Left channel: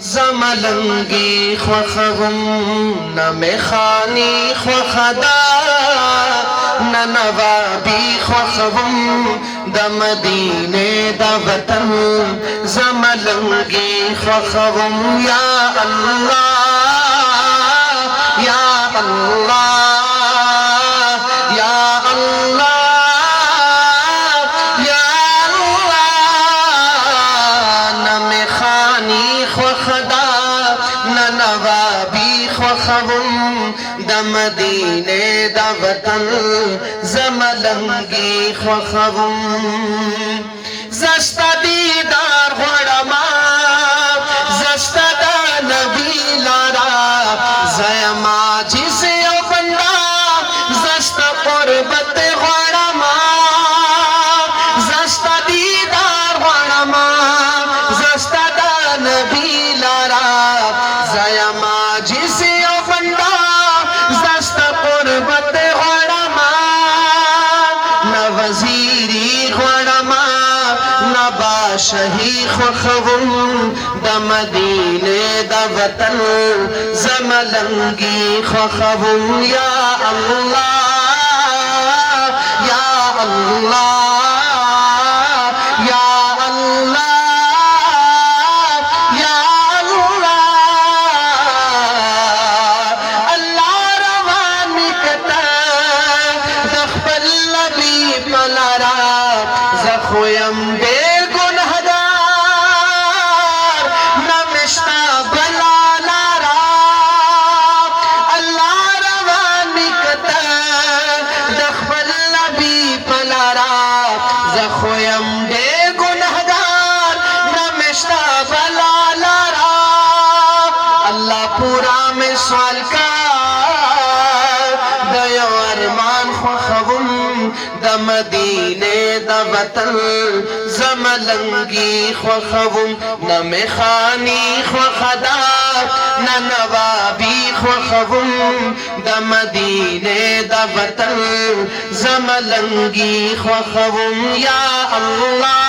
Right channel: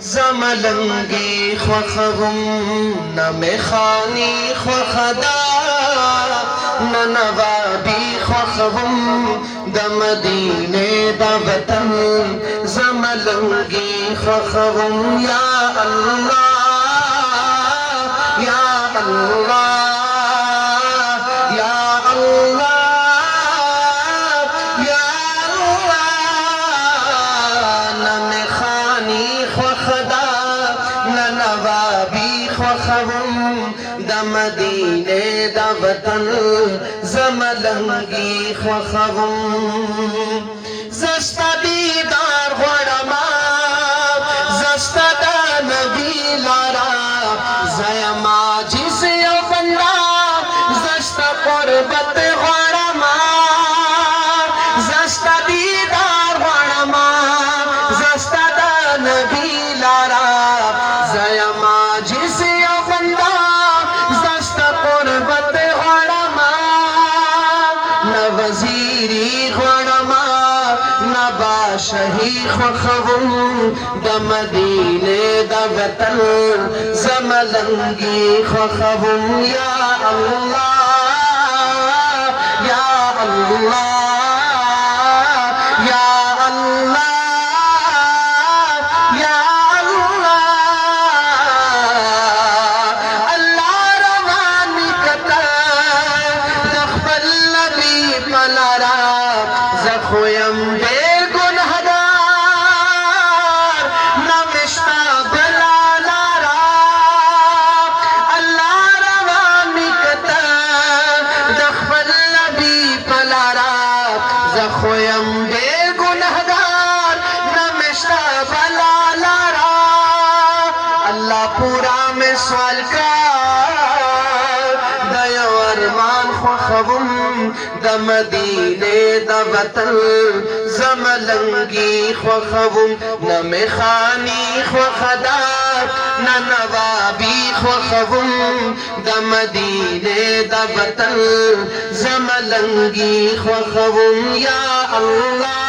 زملنگی خوخم نمیخانی خوخدا ننوابی خوخم دمدینه دوطن زملنگی خوخم یا اللہ یا اللہ یا اللہ مدینه دا وطن زملنگی خوخم زشتا دیدار غړما زشتا دا نبی لارا زیم عاجز یو بندا زشتا قربت غړما زشتا دیدار غړما زشتا دا نبی لارا زیم عاجز یو بندا وزیری غړما نبا شهی خوخم د مدینه د وطن زملنگی خوخم یا الله یا الله یا الله یا الله الله روان کتا د خپل پلارا زخویم دے گنہدار نمشتا بلا لارا اللہ روانی کتا دخبل نبی پلارا زخویم دے گنہدار نمشتا بلا لارا اللہ پورا میں سوال کا دیو ارمان خوخم د مدینه د وطن زملنگی خوخم نمیخانی خوخدا ننوابی خوخم د مدینه د وطن زملنگی خوخم یا الله